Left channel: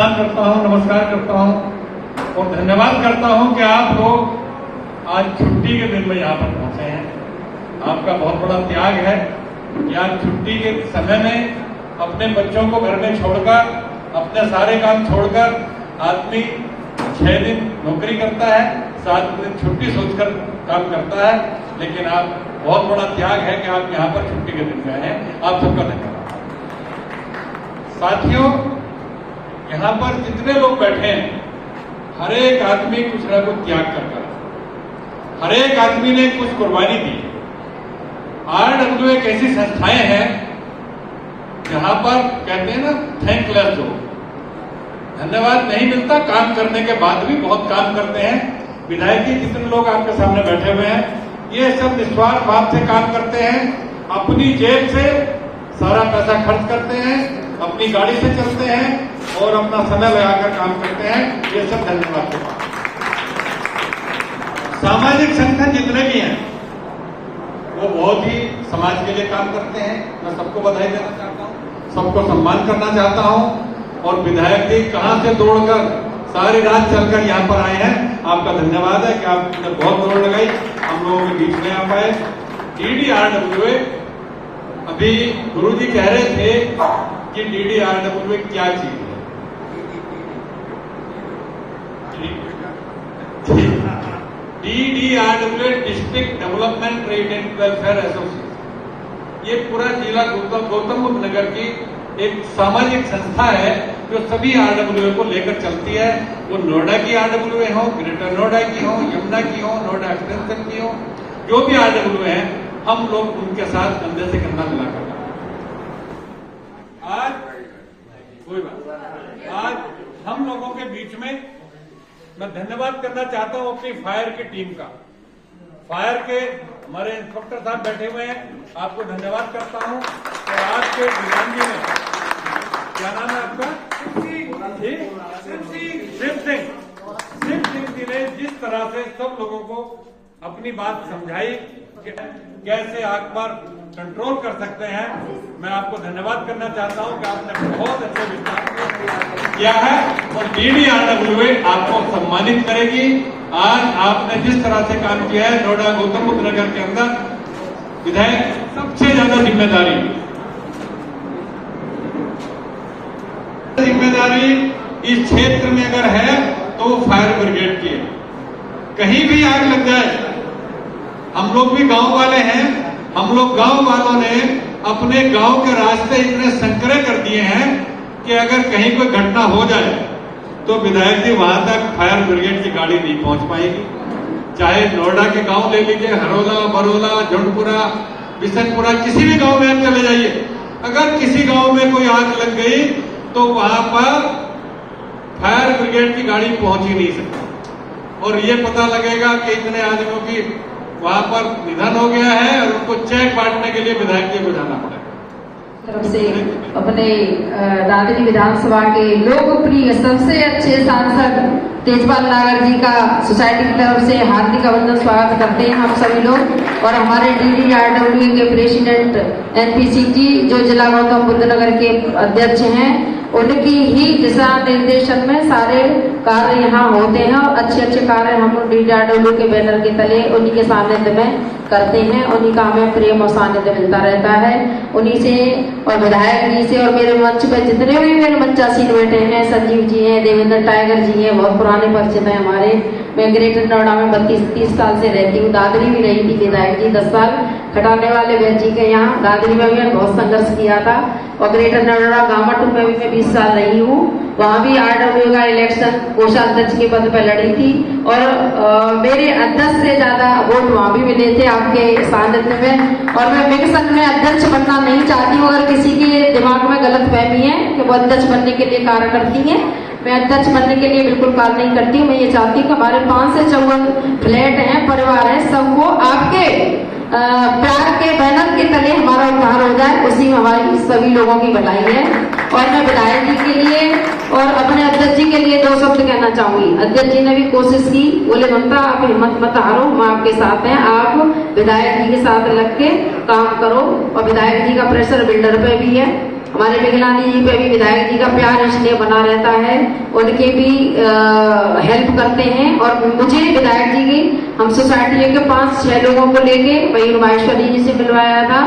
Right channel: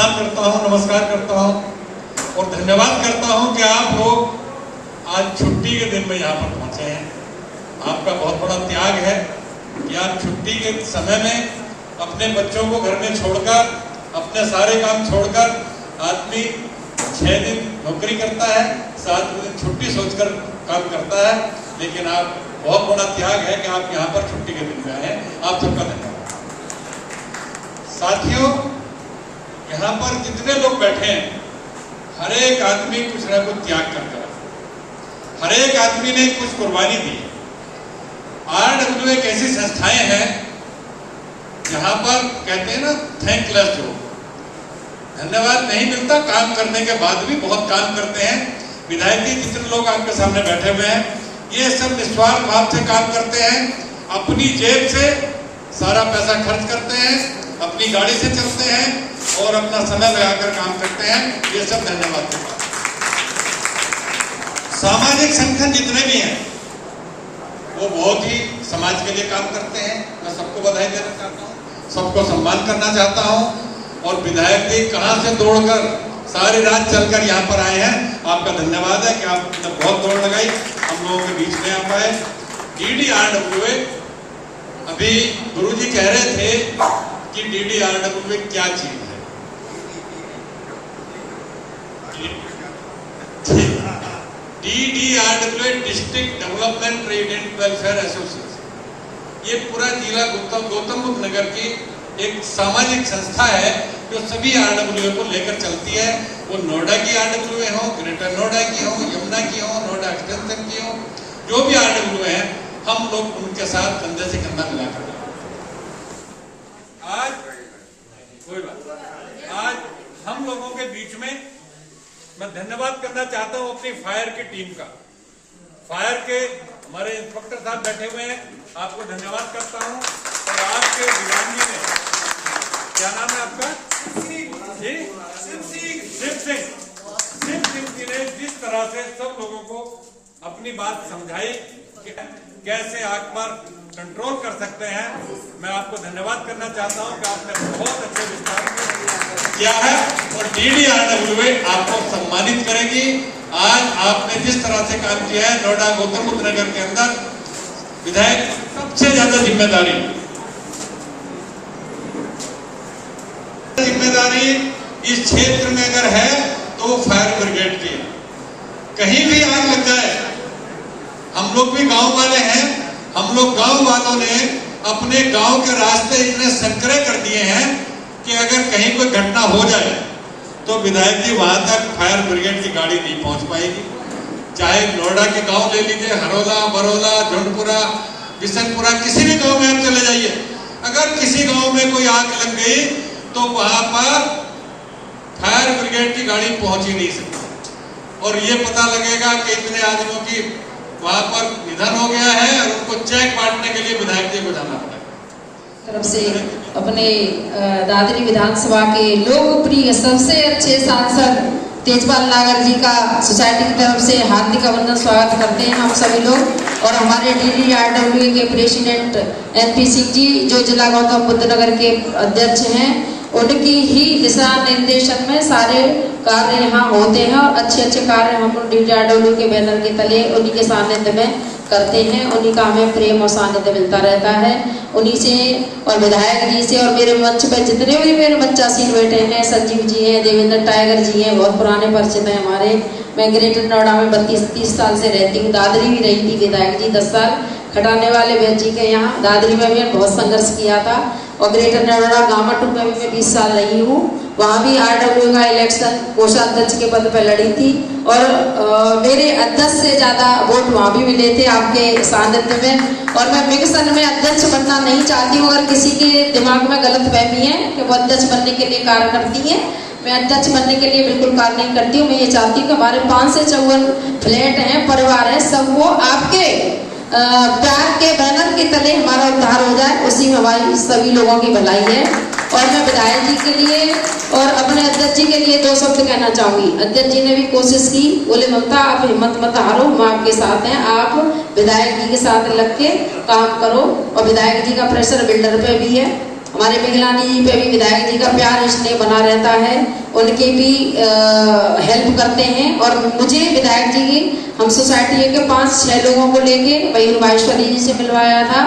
प्रणाम करता हूँ, नमस्कार करता हूँ और धन्यवाद करता हूँ कि आप लोग आज छुट्टी के दिन में यहाँ पर पहुँचे हैं। आपका बहुत बड़ा त्याग है कि आप छुट्टी के समय में अपने बच्चों को घर में छोड़कर, अपने सारे काम छोड़कर आदमी 6 दिन नौकरी करता है, 7 दिन छुट्टी सोचकर काम करता है, लेकिन आप बहुत बड़ा त्याग है कि आप यहाँ पर छुट्टी के दिन गए हैं। आप सबका धन्यवाद। साथियों, यहाँ पर जितने लोग बैठे हैं, हर एक आदमी कुछ न कुछ त्याग कर रहा है, हर एक आदमी ने कुछ कुर्बानी दी। RWA एक ऐसी संस्थाएं हैं जहां पर कहते हैं ना, थैंकलेस हो, धन्यवाद नहीं मिलता, काम करने के बाद भी बहुत काम करते हैं। विधायक जी जितने लोग आपके सामने बैठे हुए हैं, ये सब निस्वार्थ भाव से काम करते हैं, अपनी जेब से सारा पैसा खर्च करते हैं, अपनी गाड़ी से चलते हैं और अपना समय लगाकर काम करते हैं। ये सब धन्यवाद। सामाजिक संगठन जितने भी हैं वो बहुत ही समाज के लिए काम करते हैं। मैं सबको बधाई देना चाहता हूँ, सबको सम्मान करना चाहता हूँ। और विधायक जी कहाँ से दौड़कर सारी रात चलकर यहाँ पर आए हैं, आपका धन्यवाद है कि आपने बहुत दौड़ लगाई, हम लोगों के बीच में आ पाए। DDRWA, अभी गुरुजी कह रहे थे कि DDRWA क्या चीज है। DDRWA district development trade and welfare association, ये पूरा जिला गौतम बुद्ध नगर की एक सामाजिक संस्था है जो सभी RWA को लेकर चलती है। वो नोएडा की RWA हो, ग्रेटर नोएडा की हो, यमुना की हो, नोएडा एक्सटेंशन की हो, जो भी RWA है, हम लोग उनके साथ कंधे से कंधा मिलाकर आज कोई बात, आज हम लोगों के बीच में मैं धन्यवाद करना चाहता हूं अपनी फायर की टीम का। फायर के हमारे इंस्पेक्टर साहब बैठे हुए हैं, आपको धन्यवाद करता हूं। और आपके विधान जी ने, क्या नाम है आपका जी? शिव सिंह जी ने जिस तरह से सब लोगों को अपनी बात समझाई कि कैसे आग पर कंट्रोल कर सकते हैं, मैं आपको धन्यवाद करना चाहता हूं कि आपने बहुत अच्छे विस्तार किया है और DDRWA आपको सम्मानित करेगी। आज आपने जिस तरह से काम किया है नोएडा गौतम बुद्ध नगर के अंदर, विधायक सबसे ज्यादा जिम्मेदारी इस क्षेत्र में अगर है तो वो फायर ब्रिगेड की है। कहीं भी आग लग जाए, हम लोग भी गांव वाले हैं, हम लोग गांव वालों ने अपने गांव के रास्ते इतने संकरे कर दिए हैं कि अगर कहीं कोई घटना हो जाए तो विधायक जी वहां तक फायर ब्रिगेड की गाड़ी नहीं पहुंच पाएगी। चाहे नोएडा के गांव ले लीजिए, हरोला, बरोला, झुंडपुरा, बिशनपुरा, किसी भी गांव में आप चले जाइए, अगर किसी गांव में कोई आग लग गई तो वहां पर फायर ब्रिगेड की गाड़ी पहुंच ही नहीं सकती। और ये पता लगेगा कि इतने आदमियों की वहां पर निधन हो गया है और उनको चेक बांटने के लिए विधायक जी को जाना पड़ेगा। तरफ से अपने दादरी विधानसभा के लोकप्रिय सबसे अच्छे सांसद तेजपाल नागर जी का सोसाइटी की तरफ से हार्दिक अभिनंदन स्वागत करते हैं हम सभी लोग। और हमारे DDRWA के प्रेसिडेंट NP सिंह जी जो जिला गौतम बुद्ध नगर के अध्यक्ष हैं, उनकी ही दिशा निर्देशन में सारे कार्य यहाँ होते हैं और अच्छे अच्छे कार्य हम DDRWA के बैनर के तले उन्हीं के सानिध्य में करते हैं। उन्हीं का हमें प्रेम और सानिध्य मिलता रहता है, उन्हीं से और विधायक जी से। और मेरे मंच पर जितने भी मेरे बच्चासीन बैठे हैं, संजीव जी हैं, देवेंद्र टाइगर जी हैं, बहुत पुराने परिचित हैं हमारे। मैं ग्रेटर नोएडा में 32-30 साल से रहती हूँ, दादरी भी रही थी विधायक जी 10 साल, खटाने वाले व्यक्ति जी के यहाँ दादरी में भी बहुत संघर्ष किया था। और ग्रेटर नोएडा गामाटू में भी मैं 20 साल रही हूँ, वहाँ भी RWA का इलेक्शन कोषाध्यक्ष के पद पर लड़ी थी और मेरे अध्यक्ष से ज्यादा वोट वहाँ भी मिले थे आपके सानिध्य में। और मैं विकसन में अध्यक्ष बनना नहीं चाहती हूँ, अगर किसी के दिमाग में गलत फहमी है कि वो अध्यक्ष बनने के लिए कार्य करती है, मैं अध्यक्ष बनने के लिए बिल्कुल कार्य नहीं करती हूँ। मैं ये चाहती हूँ कि हमारे 5 से 54 फ्लैट हैं, परिवार है, सब वो आपके प्यार के बैनर के तले हमारा उद्धार हो जाए, उसी में हमारी सभी लोगों की भलाई है। और मैं विधायक जी के लिए और अपने अध्यक्ष जी के लिए 2 शब्द कहना चाहूंगी। अध्यक्ष जी ने भी कोशिश की, बोले ममता आप हिम्मत मत हारो, मैं आपके साथ हैं, आप विधायक जी के साथ लग के काम करो। और विधायक जी का प्रेशर बिल्डर पे भी है, हमारे पिघलानी जी पे भी विधायक जी का प्यार स्नेह बना रहता है, उनके भी हेल्प करते हैं। और मुझे विधायक जी की हम सोसाइटी के 5-6 लोगों को लेके मयूर माहेश्वरी जी से मिलवाया था,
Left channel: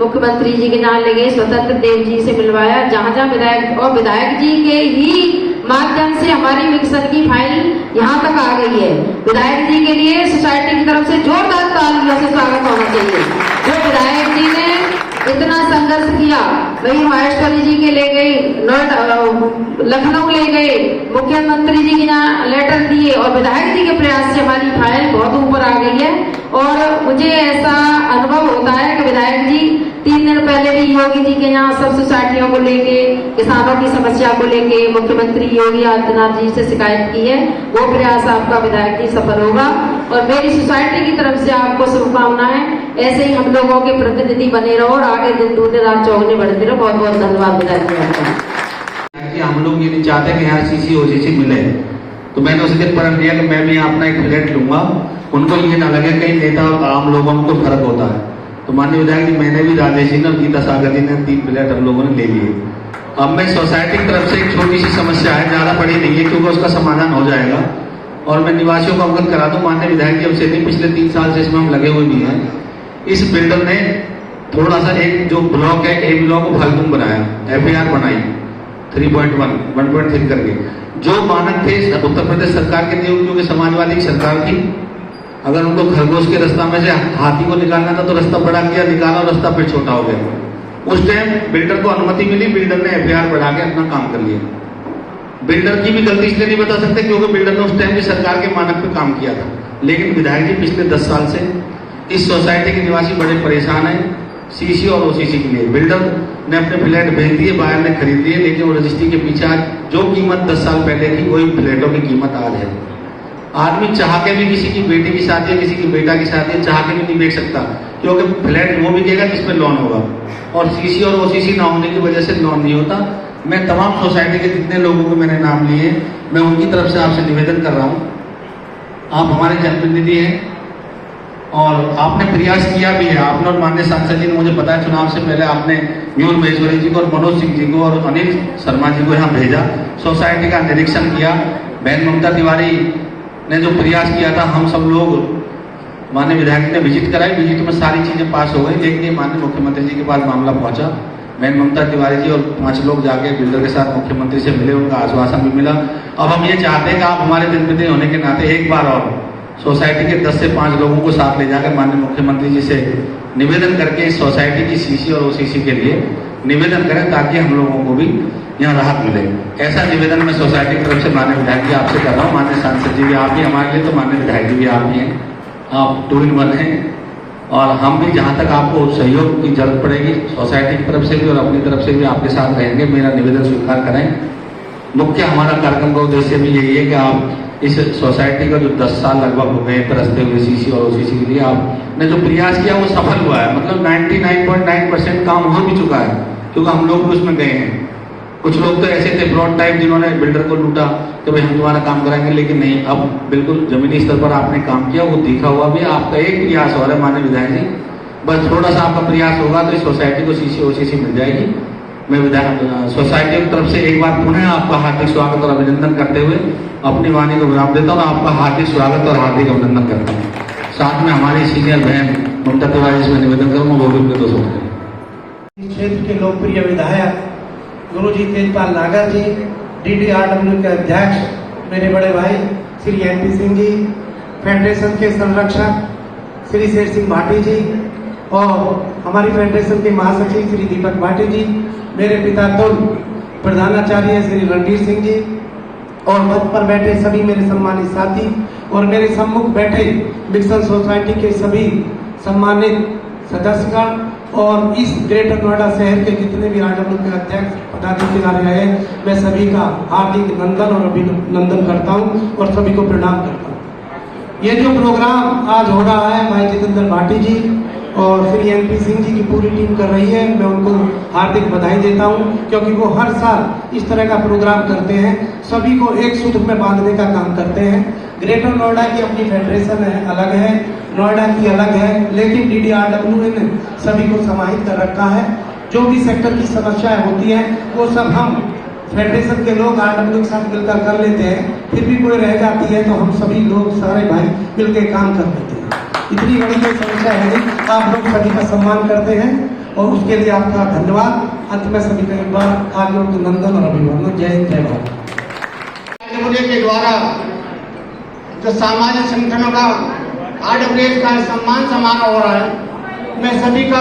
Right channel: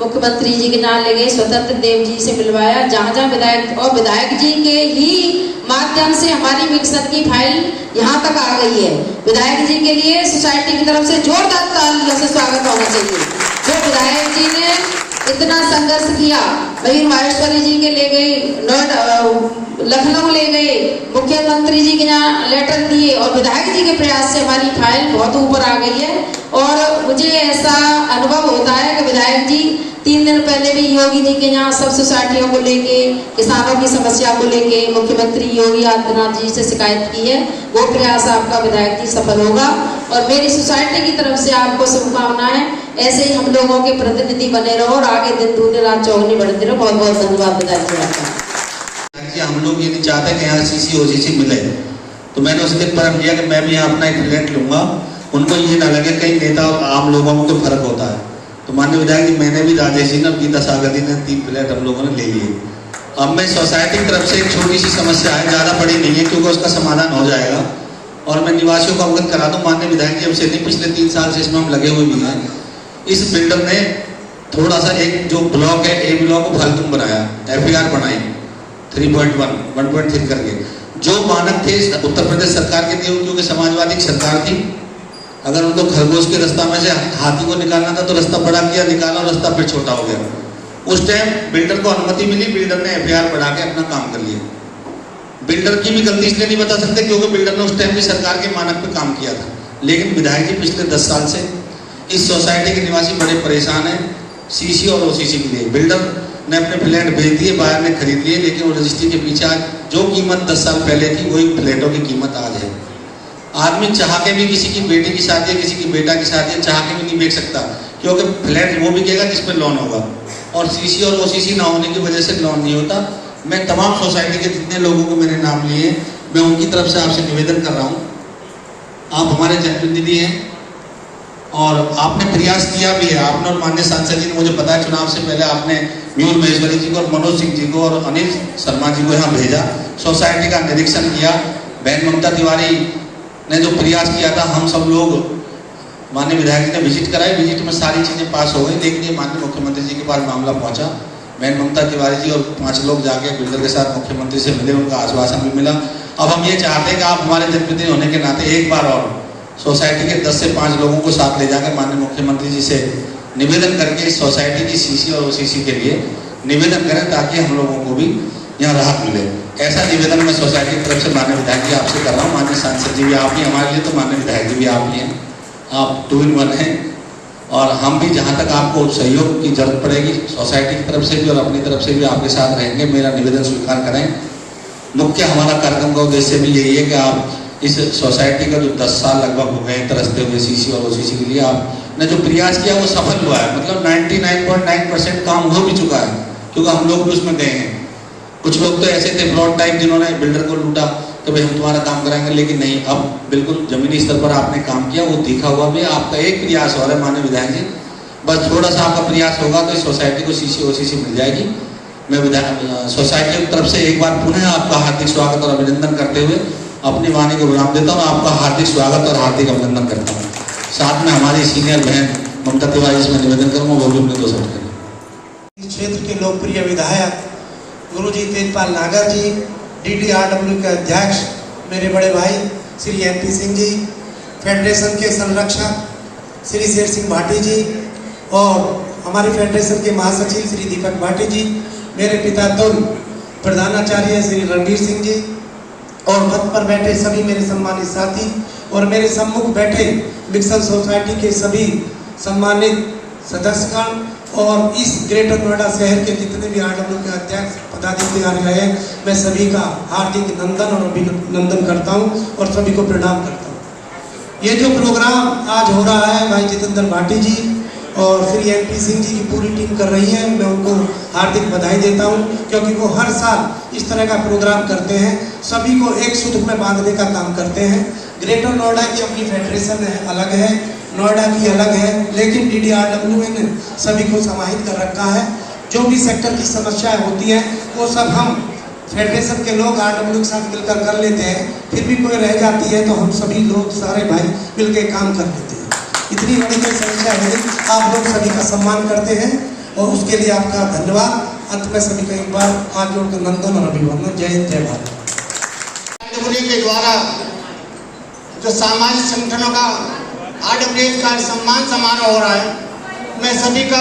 मुख्यमंत्री जी के नाम लेके स्वतंत्र देव जी से मिलवाया। जहाँ जहाँ विधायक और विधायक जी के ही माध्यम से हमारी मिक्सन की फाइल यहाँ तक आ गई है। विधायक जी के लिए सोसाइटी की तरफ से जोरदार तालियों से स्वागत होना चाहिए। जो विधायक जी ने इतना संघर्ष किया, मयूर माहेश्वरी जी के ले गए, लखनऊ ले गए, मुख्यमंत्री जी के यहाँ लेटर दिए और विधायक जी के प्रयास से हमारी फाइल बहुत ऊपर आ गई है। और मुझे ऐसा अनुभव होता है कि विधायक जी 3 दिन पहले भी योगी जी के यहाँ सब सोसाइटियों को लेके, किसानों की समस्या को लेके मुख्यमंत्री योगी आदित्यनाथ जी से शिकायत की है। वो प्रयास आपका विधायक जी सफल होगा और मेरी सोसाइटी की तरफ से आपको शुभकामनाएं। ऐसे ही हम लोगों के प्रतिनिधि बने रहो और आगे दिन दूनी रात चौगनी बढ़ते रहो। बहुत बहुत धन्यवाद विधायक जी आपका। हम लोग ये नहीं चाहते कि यहाँ सीसी ओसीसी मिले, तो मैंने उसी दिन प्रण किया कि मैं भी यहाँ अपना एक फ्लैट लूंगा, उनको ये ना लगे कई नेता आम लोगों में कोई फर्क होता है। तो माननीय विधायक जी, मैंने भी, राजेश जी ने, गीता सागर जी ने 3 फ्लैट हम लोगों ने ले लिए। अब मैं सोसाइटी की तरफ से एक छोटी सी समस्या है, ज़्यादा बड़ी नहीं है क्योंकि उसका समाधान हो जाएगा और मैं निवासियों को अवगत करा दूँ। माननीय विधायक जी, अब से नहीं, पिछले 3 साल से इसमें हम लगे हुए भी हैं। इस बिल्डर ने थोड़ा सा एक जो ब्लॉक है, ए ब्लॉक को फालतू बनाया, FAR बनाई 3.1 1.3 करके। जो मानक थे उत्तर प्रदेश सरकार के थे, क्योंकि समाजवादी की सरकार थी, अगर उनको खरगोश के रास्ता में से हाथी को निकालना था तो रास्ता बड़ा किया, निकाला, रास्ता फिर छोटा हो गया। उस टाइम बिल्डर को अनुमति मिली, बिल्डर ने FAR बढ़ा के अपना काम कर लिया। बिल्डर की भी गलती इसलिए नहीं बता सकते क्योंकि बिल्डर ने उस टाइम भी सरकार के मानक पे काम किया था। लेकिन विधायक जी, पिछले 10 साल से इस सोसाइटी के निवासी बड़े परेशान हैं CC और OCC के लिए। बिल्डर ने अपने फ्लैट भेज दिए, बाहर ने खरीद लिए, लेकिन वो रजिस्ट्री के पीछे आज जो कीमत 10 साल पहले थी वही फ्लैटों की कीमत आज है। आदमी चाह के भी किसी की बेटी की शादी है, किसी की बेटा की शादी है, चाह के भी नहीं बेच सकता क्योंकि फ्लैट वो बिकेगा जिस पे लोन होगा और CC और OCC ना होने की वजह से लोन नहीं होता। मैं तमाम सोसाइटी के जितने लोगों को मैंने नाम लिए, मैं उनकी तरफ से आपसे निवेदन कर रहा हूँ, आप हमारे जनप्रतिनिधि हैं और आपने प्रयास किया भी है। आपने और माननीय सांसद जी ने, मुझे पता है चुनाव से पहले आपने मयूर महेश्वरी जी को और मनोज सिंह जी को और अनिल शर्मा जी को यहाँ भेजा, सोसाइटी का निरीक्षण किया। बहन ममता तिवारी ने जो प्रयास किया था, हम सब लोग माननीय विधायक जी ने विजिट कराई, विजिट में सारी चीज़ें पास हो गई। लेकिन ये माननीय मुख्यमंत्री जी के पास मामला पहुंचा। बहन ममता तिवारी जी और 5 लोग जाके बिल्डर के साथ मुख्यमंत्री से मिले, उनका आश्वासन भी मिला। अब हम ये चाहते हैं कि आप हमारे जनप्रतिनिधि होने के नाते एक बार और सोसाइटी के 10 से 5 लोगों को साथ ले जाकर माननीय मुख्यमंत्री जी से निवेदन करके इस सोसाइटी की CC और OCC के लिए निवेदन करें ताकि हम लोगों को भी यहाँ राहत मिले। ऐसा निवेदन मैं सोसाइटी की तरफ से माननीय विधायक जी आपसे कर रहा हूँ। माननीय सांसद जी भी आप ही हमारे लिए, तो माननीय विधायक जी भी आप ही हैं, आप 2 in 1 हैं। और हम भी जहाँ तक आपको सहयोग की जरूरत पड़ेगी सोसाइटी की तरफ से भी और अपनी तरफ से भी आपके साथ रहेंगे। मेरा निवेदन स्वीकार करें। मुख्य हमारा कार्यक्रम का उद्देश्य भी यही है कि आप इस सोसाइटी का जो 10 साल लगभग हो गए तरसते हुए CC और OCC के लिए आपने जो प्रयास किया वो सफल हुआ है। मतलब 99.9% काम हो भी चुका है क्योंकि हम लोग भी उसमें गए हैं। कुछ लोग तो ऐसे थे फ्रॉड टाइप जिन्होंने बिल्डर को लूटा कि भाई हम तुम्हारा काम कराएंगे, लेकिन नहीं, अब बिल्कुल जमीनी स्तर पर आपने काम किया, वो दिखा हुआ भी। आपका एक प्रयास हो रहा है माननीय विधायक जी, बस थोड़ा सा आपका प्रयास होगा तो इस सोसाइटी को CC OCC मिल जाएगी। मैं सोसाइटी की तरफ से एक बार पुनः आपका हार्दिक स्वागत और अभिनंदन करते हुए अपनी वाणी को विराम देता हूँ। आपका हार्दिक स्वागत और हार्दिक अभिनंदन करता हूँ। साथ में हमारी सीनियर बहन ममता तिवारी से मैं निवेदन करूँगा वो भी अपने 2 शब्द करें। इस क्षेत्र के लोकप्रिय विधायक गुरुजी तेजपाल नागर जी, DDRW के अध्यक्ष मेरे बड़े भाई श्री NP सिंह जी, फेडरेशन के संरक्षक श्री शेर सिंह भाटी जी और हमारी फेडरेशन के महासचिव श्री दीपक भाटी जी, मेरे पिता तुल प्रधानाचार्य श्री रणवीर सिंह जी और पद पर बैठे सभी मेरे सम्मानित साथी और मेरे सम्मुख बैठे मिक्सन सोसाइटी के सभी सम्मानित सदस्यगण और इस ग्रेटर नोएडा शहर के जितने भी RW के अध्यक्ष पदाधिकारी हैं, मैं सभी का हार्दिक नंदन और अभिनंदन करता हूं और सभी को प्रणाम करता हूं। ये जो प्रोग्राम आज हो रहा है भाई जितेंद्र भाटी जी और श्री NP सिंह जी की पूरी टीम कर रही है, मैं उनको हार्दिक बधाई देता हूं क्योंकि वो हर साल इस तरह का प्रोग्राम करते हैं, सभी को एक सूत्र में बांधने का काम करते हैं। ग्रेटर नोएडा की अपनी फेडरेशन है, अलग है, नोएडा की अलग है, लेकिन DDRW ने सभी को समाहित कर रखा है जो भी सेक्टर की समस्याएं होती हैं वो सब हम फेडरेशन के लोग RW के साथ मिलकर कर लेते हैं। फिर भी कोई रह जाती है तो हम सभी लोग सारे भाई मिलकर काम कर लेते हैं। इतनी बड़ी कोई समस्या है नहीं, आप लोग सभी का सम्मान करते हैं और उसके लिए आपका धन्यवाद। अंत में सभी का एक बार हाथ जोड़ कर नंदन और अभिवादन। जय हिंद, जय भारत। के द्वारा जो सामाजिक संगठनों का RWS का सम्मान समारोह हो रहा है, मैं सभी का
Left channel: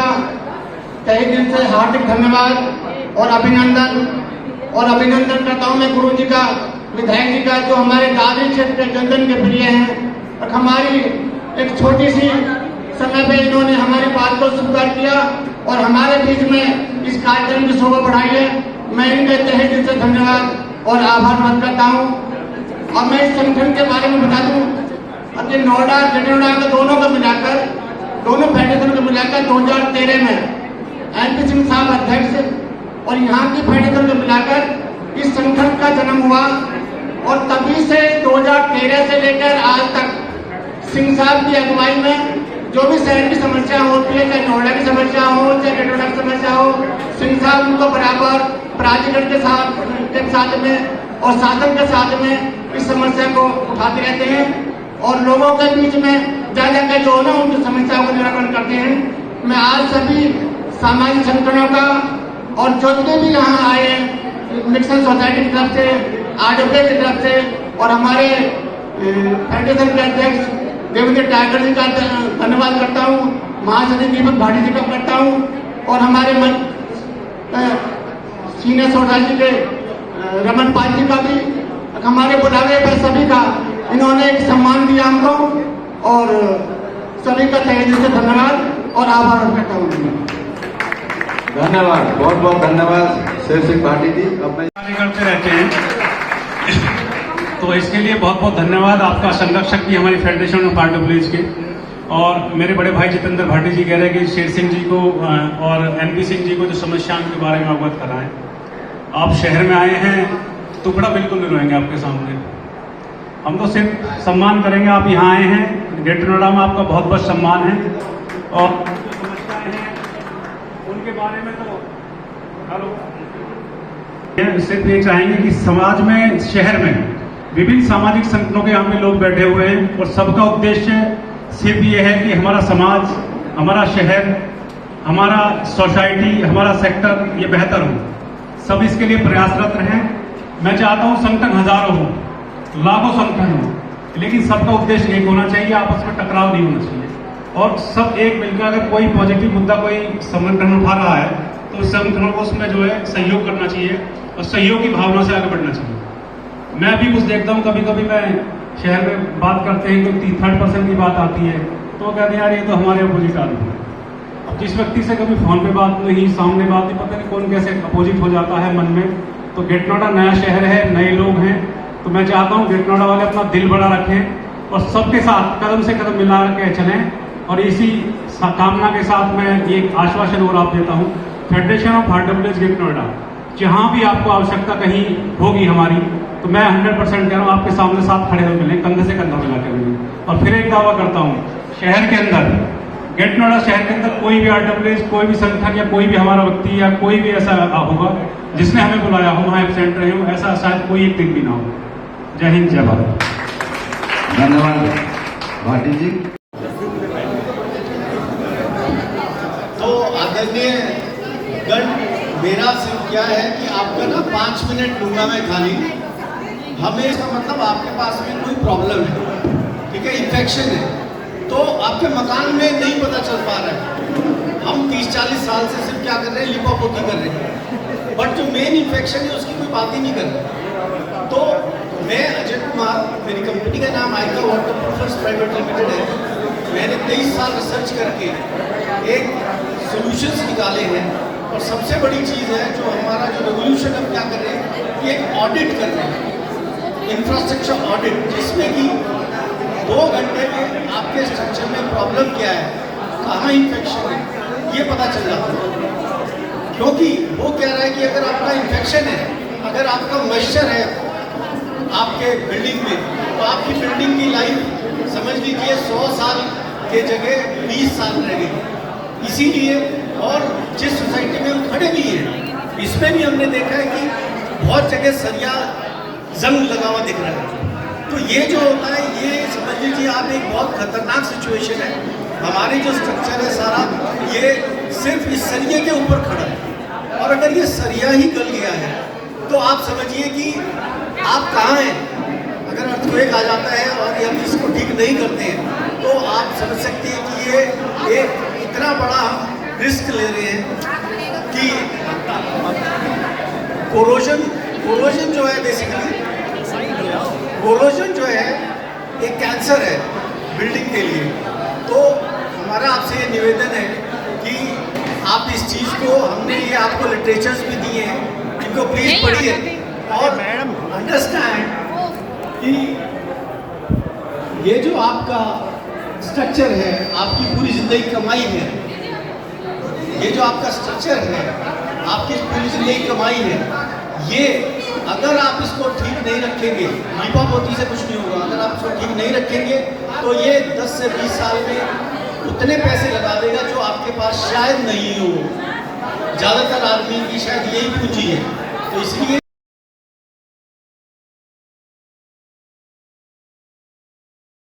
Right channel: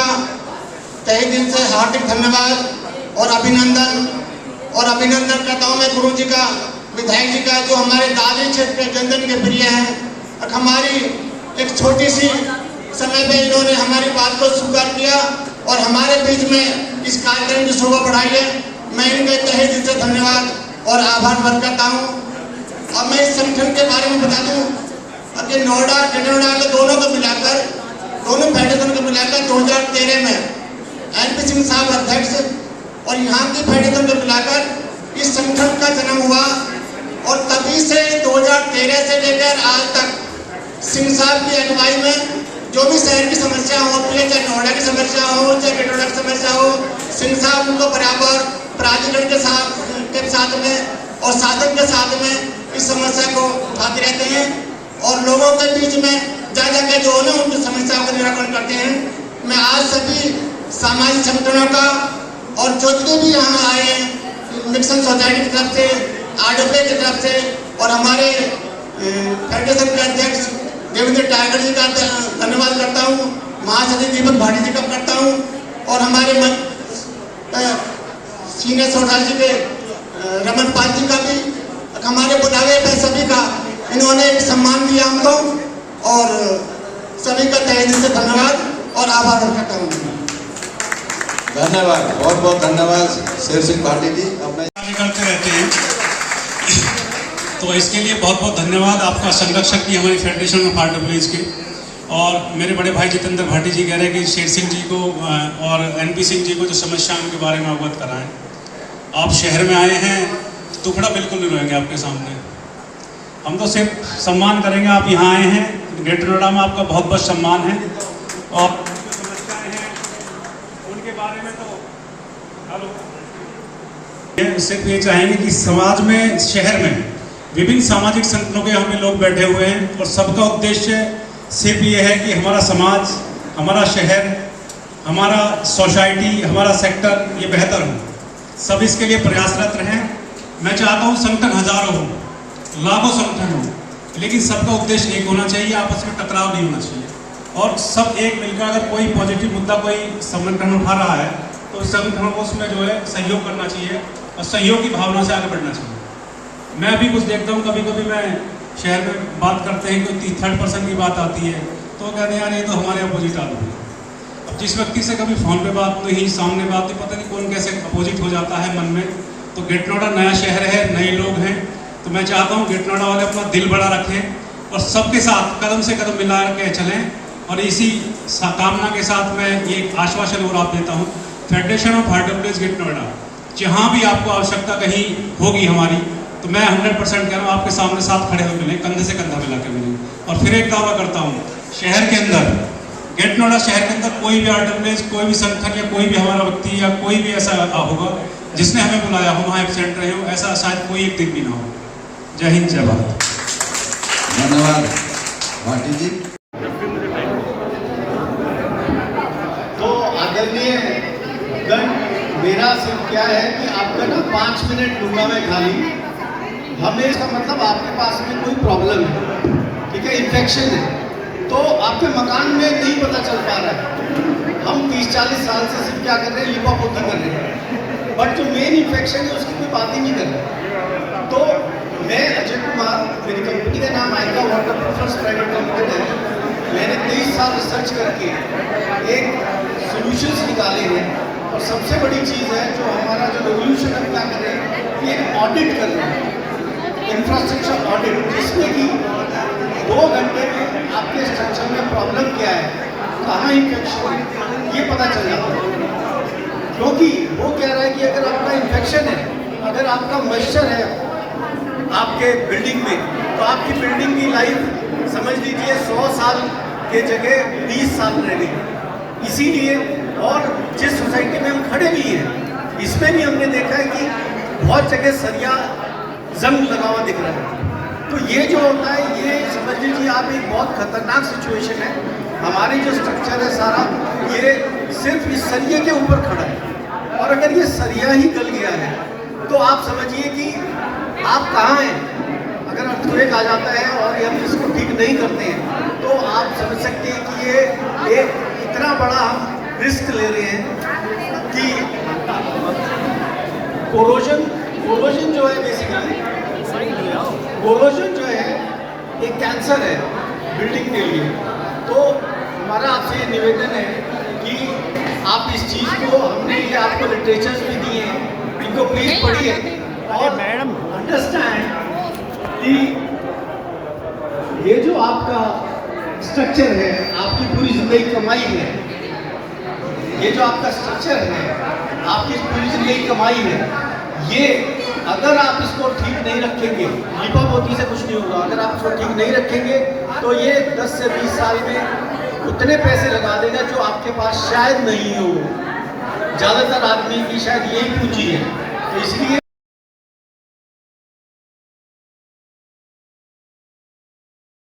तहे दिल से हार्दिक धन्यवाद और अभिनंदन करता हूँ। मैं गुरु जी का, विधायक जी का, जो हमारे दादरी क्षेत्र के जनजन के प्रिय हैं और हमारी एक छोटी सी समय पे इन्होंने हमारी बात को स्वीकार किया और हमारे बीच में इस कार्यक्रम की शोभा बढ़ाई है। मैं इनके तहे दिल से धन्यवाद और आभार व्यक्त करता हूँ। अब मैं इस संगठन के बारे में बता दूं कि नोएडा, ग्रेटर नोएडा के दोनों फेडरेशन को मिलाकर 2013 में NP सिंह साहब अध्यक्ष और यहाँ की फेडरेशन को मिलाकर इस संगठन का जन्म हुआ और तभी से 2013 से लेकर आज तक सिंह साहब की अगुवाई में जो भी शहर की समस्या होती है, चाहे नोएडा की समस्या हो, चाहे ग्रेटर नोएडा की समस्या हो, सिंह साहब उनको बराबर प्राधिकरण के साथ में और शासन के साथ में इस समस्या को उठाते रहते हैं और लोगों के बीच में जा के जो है ना उनकी समस्याओं का निराकरण करते हैं। मैं आज सभी सामाजिक संगठनों का और जितने भी यहाँ आए हैं, मिक्सन सोसाइटी की तरफ से, RWS की तरफ से और हमारे फेडरेशन के अध्यक्ष देवेंद्र टाइगर जी का धन्यवाद करता हूँ, महासचिव दीपक भाटी जी का करता हूँ और हमारे सीनियर सोसाइटी के रमन पाल जी का भी, हमारे बुलावे पर सभी का इन्होंने एक सम्मान दिया हमको और सभी का तहे दिल से धन्यवाद और आभार व्यक्त करता हूँ। धन्यवाद, बहुत बहुत धन्यवाद शेर सिंह भाटी जी। कार्य करते रहते हैं तो इसके लिए बहुत बहुत धन्यवाद आपका। संरक्षक भी हमारी फेडरेशन ऑफ RWS के और मेरे बड़े भाई जितेंद्र भाटी जी कह रहे हैं कि शेर सिंह जी को और NP सिंह जी को जो समस्याओं के बारे में अवगत कराएं। आप शहर में आए हैं, टुकड़ा बिल्कुल नहीं रोएंगे आपके सामने। हम तो सिर्फ सम्मान करेंगे, आप यहाँ आए हैं, ग्रेटर नोएडा में आपका बहुत बहुत सम्मान है और जो समस्याएं हैं उनके बारे में तो सिर्फ ये चाहेंगे कि समाज में, शहर में विभिन्न सामाजिक संगठनों के यहाँ पे लोग बैठे हुए हैं और सबका उद्देश्य सिर्फ ये है कि हमारा समाज, हमारा शहर, हमारा सोसाइटी, हमारा सेक्टर ये बेहतर हो। सब इसके लिए प्रयासरत रहें। मैं चाहता हूँ संगठन हजारों हो, लाखों संगठन हो, लेकिन सबका उद्देश्य एक होना चाहिए, आपस में टकराव नहीं होना चाहिए और सब एक मिलकर अगर कोई पॉजिटिव मुद्दा कोई संगठन उठा रहा है तो उस संगठनों को उसमें जो है सहयोग करना चाहिए और सहयोग की भावना से आगे बढ़ना चाहिए। मैं अभी कुछ देखता हूँ, कभी कभी मैं शहर में बात करते हैं कि 3rd पर्सन की बात आती है तो कहते हैं यार ये तो हमारे अपोजिट आदमी है। अब जिस व्यक्ति से कभी फ़ोन पे बात नहीं, सामने बात नहीं, पता नहीं कौन कैसे अपोजिट हो जाता है मन में। तो ग्रेटर नोएडा नया शहर है, नए लोग हैं, तो मैं चाहता हूँ ग्रेटर नोएडा वाले अपना दिल बड़ा रखें और सबके साथ कदम से कदम मिला के चलें। और इसी कामना के साथ मैं ये आश्वासन और आप देता हूँ, federation of RWS greater Noida जहाँ भी आपको आवश्यकता कहीं होगी हमारी, तो मैं 100% कह रहा हूँ आपके सामने साथ खड़े हुए मिलें, कंधे से कंधा मिला के मिलें। और फिर एक दावा करता हूँ, शहर के अंदर, ग्रेटर नोएडा शहर के अंदर कोई भी RWS, कोई भी संगठन या कोई भी हमारा व्यक्ति या कोई भी ऐसा होगा जिसने हमें बुलाया हो, वहाँ एब्सेंट रहे हो, ऐसा शायद कोई एक दिन भी ना हो। जय हिंद, जय भारत। धन्यवाद भाटी जी। तो आदरणीय गण, मेरा सिर्फ क्या है कि आपका ना 5 मिनट लूंगा मैं खाली। हमें इसका मतलब आपके पास में कोई प्रॉब्लम है, ठीक है, इन्फेक्शन है, तो आपके मकान में नहीं पता चल पा रहा है। हम 30-40 साल से सिर्फ क्या कर रहे हैं, लिपापोती कर रहे हैं, बट जो मेन इन्फेक्शन है उसकी कोई बात ही नहीं कर रहे। तो मैं अजय कुमार, मेरी कंपनी का नाम आइका वाटरप्रूफर्स प्राइवेट लिमिटेड है। मैंने 23 साल रिसर्च करके एक सॉल्यूशंस निकाले हैं और सबसे बड़ी चीज़ है जो हमारा जो रेवोल्यूशन हम क्या कर रहे हैं कि एक ऑडिट कर रहे हैं, इंफ्रास्ट्रक्चर ऑडिट, जिसमें कि 2 घंटे में आपके स्ट्रक्चर में प्रॉब्लम क्या है, कहाँ इन्फेक्शन है, ये पता चल जाता है। क्योंकि वो कह रहा है कि अगर आपका इन्फेक्शन है, अगर आपका मॉइस्चर है आपके बिल्डिंग में, तो आपकी बिल्डिंग की लाइफ समझ लीजिए 100 साल के जगह 20 साल रहेगी। इसीलिए और जिस सोसाइटी में हम खड़े भी हैं इसमें भी हमने देखा है कि बहुत जगह सरिया जंग लगा हुआ दिख रहा है। तो ये जो होता है ये समझ लीजिए आप एक बहुत खतरनाक सिचुएशन है। हमारे जो स्ट्रक्चर है सारा ये सिर्फ इस सरिये के ऊपर खड़ा है और अगर ये सरिया ही गल गया है तो आप समझिए कि आप कहाँ हैं। अगर अर्थक्वेक आ जाता है और हम इसको ठीक नहीं करते हैं तो आप समझ सकते हैं कि ये इतना बड़ा हम रिस्क ले रहे हैं कि कोरोजन जो है बेसिकली कोरोजन जो है एक कैंसर है बिल्डिंग के लिए। तो हमारा आपसे ये निवेदन है कि आप इस चीज़ को हमने ये आपको लिटरेचर्स भी दिए हैं इनको प्लीज पढ़िए और मैडम अंडरस्टैंड कि ये जो आपका स्ट्रक्चर है आपकी पूरी जिंदगी कमाई है। ये जो आपका स्ट्रक्चर है आपकी पूरी जिंदगी कमाई है। ये अगर आप इसको ठीक नहीं रखेंगे लीपा पोती से कुछ नहीं होगा। अगर आप इसको ठीक नहीं रखेंगे तो ये 10 से 20 साल में उतने पैसे लगा देगा जो आपके पास शायद नहीं हो। ज़्यादातर आदमी की शायद यही पूंजी है। तो इसलिए